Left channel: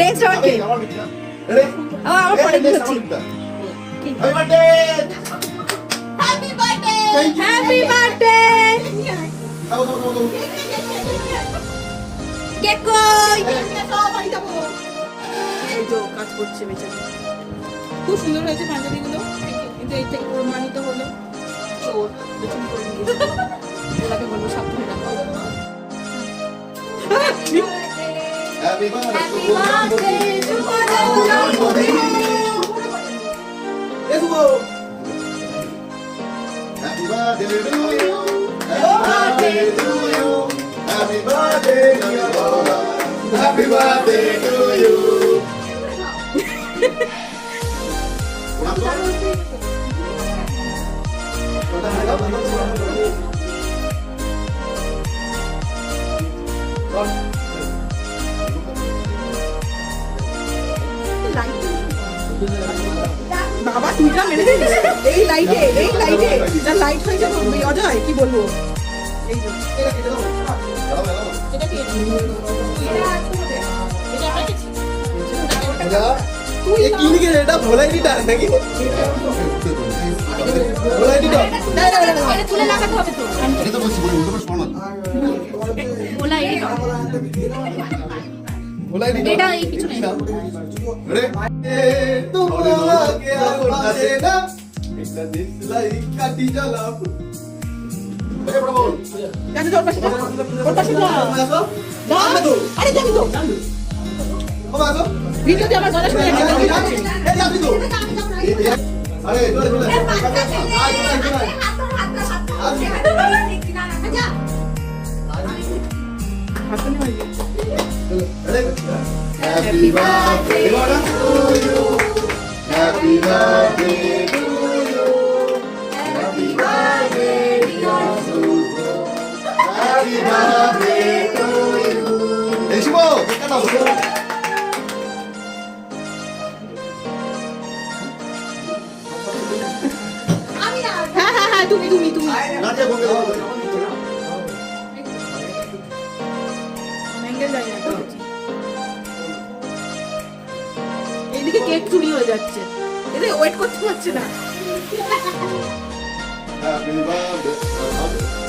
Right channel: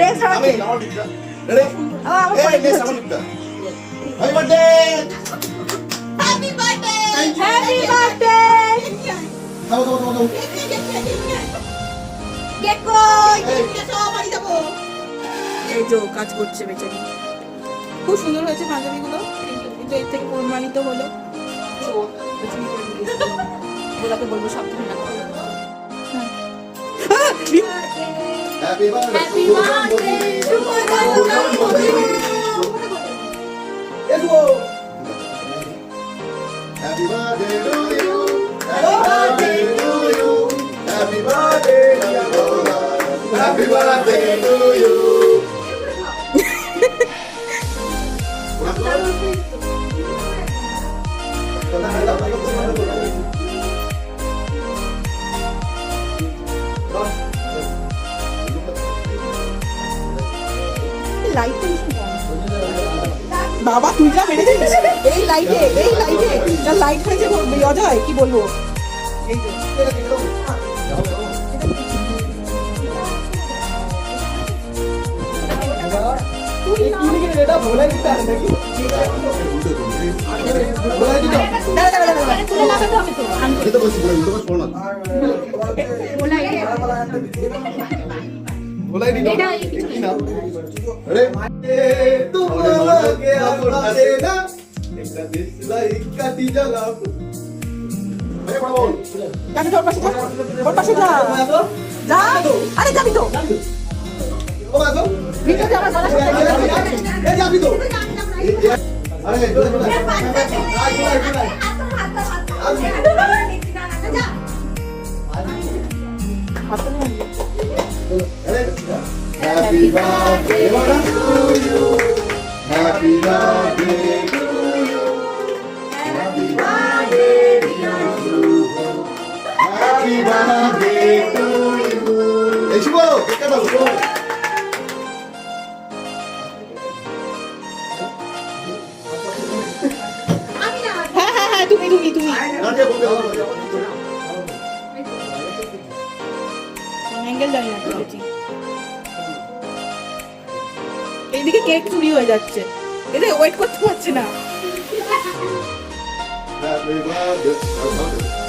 Next হবে আমার লিখা রেডি আমার পরে নেক্সট আমার লিখা happy birthday happy birthday happy birthday দাও কেক কই সব বাড়ি যাব এই যে কাজ করছে বেচারি খুব সুন্দর হয়েছে পাঞ্জাবিগুলো কিন্তু এর থেকে প্রমাণিত হলো তো বেচারি করে দিয়েছে ওনাকে বলবো সাবধানে রাখো হ্যাপি বার্থডে এসো happy birthday to you happy birthday dear Gola happy birthday to you বাবা তুই যা মেরে দিস এই লাইটে যা লাইট হয়েছে অজয় কি বলবো এই যে এটা তুই কি লিখে এটা ভোলাই দিটা নাকি ভোলাই দিটা তুলে লাগাতে হবে তো আমি তো বলছি উল্টো পাশ পড়ো না ভোলাই দিটা এটা কিছু নেই রে তোমার কে আছে না একটা দিশলাই কাটি জ্বালা আরে বড় বল যাবি তোর পাশে যা ওর পাশে যা যা আরে যাবি তো ও আসো ভিডিওতে আমার গানা শুনে এই যাবি তো আরে Happy birthday to you. Happy birthday to you. Happy birthday dear Suko. Happy birthday to you. এই শুভ কেকটা দাও শুভ হ্যাঁ তুমি না যে বলতে হবে অ্যাঙ্গেল যাই না করেছি এইদিকে কেক চুরি হয়ে যাচ্ছে এদের ওয়েট করতে পারছে না Happy birthday.